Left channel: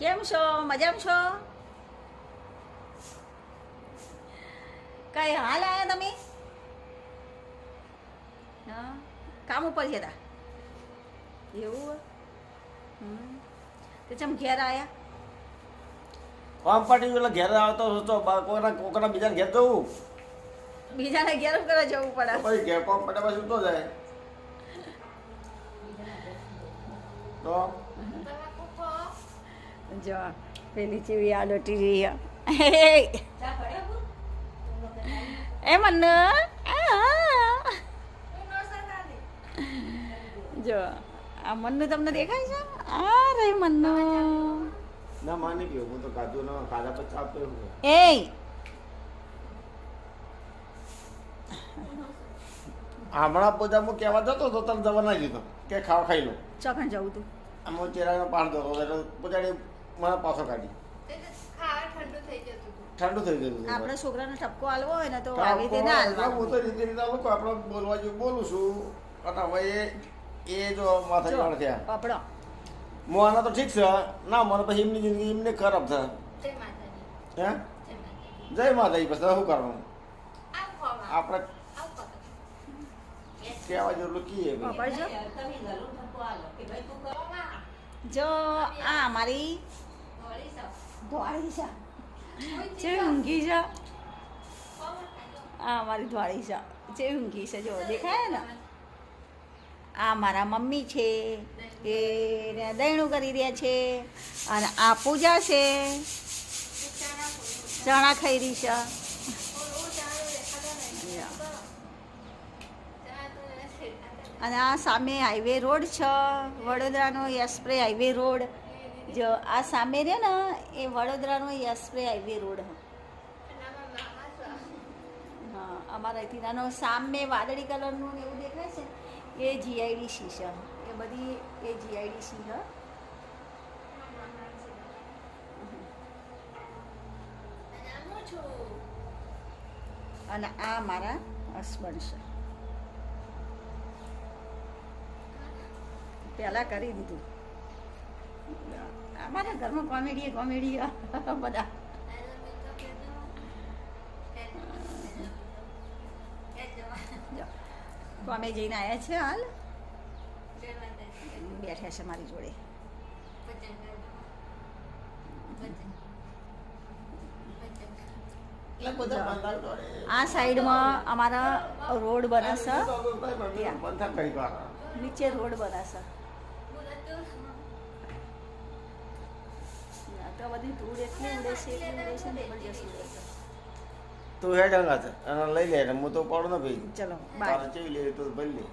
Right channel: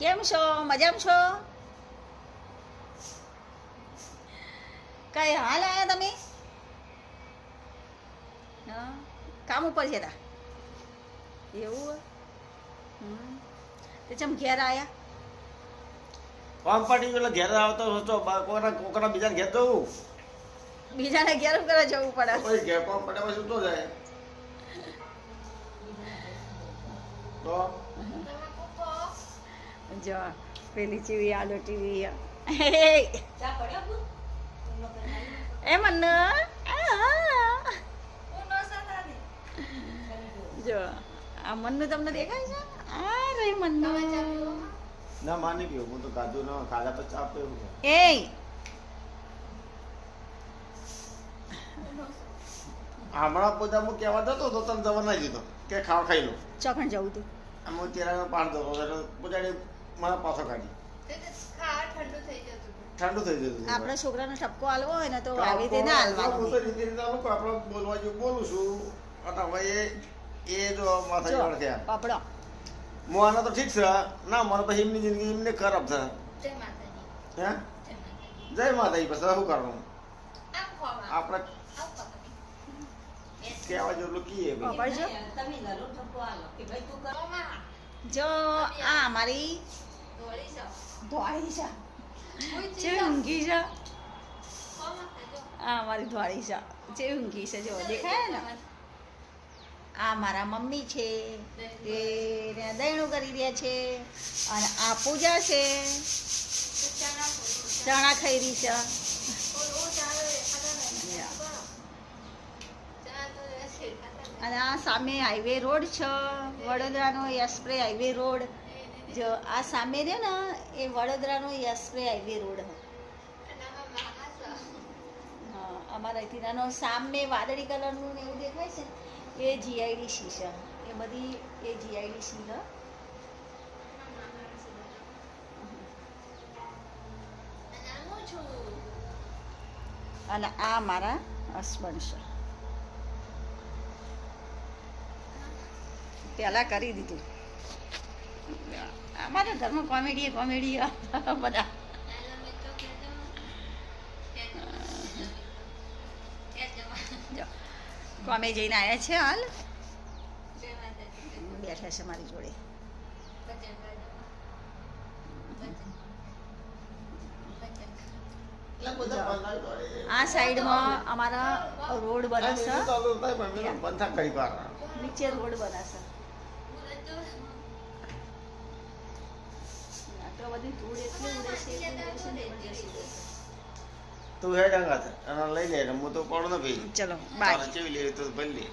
કેમ છો? મજામાં છો? કઈ હાલ આયા તમે? કામ ઉપર છે તા. એવું તે ચમ ઘેર આયા? કોમ પાટી એટલે ઘેર આવતો હતો કોકના કોકના બીજા ઘેર જવું. બીજાને ઘેર કરવા જવું પડે. પછી ઘેર કોમ પાટે પછી તો જાય. તો? જો પેલી ચીવી આડો ટીવી એ મને જો આ મન્નુ તમને દેખાય છે? આ રહી મન્નુ. ના માની ગયો હું તો કાજુ ના કાલા પછી ચાપ છે. એ હમણાં બધા હું કહેવા જતો તો તમે જવા ના દીધો. કે ખાવા ખાઈ લો. ચોખણ જવું તું. આમ ચેરાનો પાણ દો એટલે પૂજાની મને પાછો કાઢી. ઠંડુ થઈ ગયું હતું. આપણા છોકરાનો ઠપકો આલવો હોય ને તો આવી રીતે ના હું તો હાલવાનું રીતે આલું આપણે બોલવા જેવું બોલું છું. અને હવે એ એ જો માથા જો થયા પાપડો હું તો ઠીક છે. ના મને પછી એમની જિંદગી એમને ખરાબ થાય. હે? જય માતાજી. પછી શું કરવાનું? આપણે કહેવા જેટલું કીએ ભાઈ. જો, આ અમારી ધોળી છે ઊંઘી છે આ મારી ધોળી જે ઊંઘી છે જો, દેખાય ને? આ મારા મમ્મી છે. એ દહીણું કરી રહ્યા છે. અને આ પૂજા છે. ચણા ખાઈ રહી છે અને આ સામે હાઈવે રોડ છે, વડોદરાનો એક્સપ્રે હાઈવે રોડ. જો આ સામે રહે ને, એ વડોદરાનો એક્સપ્રે હાઈવે રોડ હા. અમારા અહીંથી સામે વાદળી કલરનું એવું દેખાય છે એ જીઆઈડીસી છે. એ બધી, એ જીઆઈડીસી છે અને આ મારા હસબન્ડ છે. પહેલાં કરી દીધું. અમારા ઘરમાં કોમેડી કોમેડી બધા. કોમે જઈને આવ્યા છે હાલ. બેઠા છે મારી જોડે. આ સાઈડમાં અમારા રોડ બને છે આ તો થાય પણ મેં બંધ થાય ઘડીક વાર. નીચે રોડ બનાશે આ તો બધી ધૂળ એટલી ઉડે છે એટલી ઉડે છે ને એટલી ઉડે છે. તું હેડ હંગાથ. એને લઈ લે એટલે હું તો પડું ને ભાઈ ચલો તારે બાય કેવી લેવી તો ભલે લે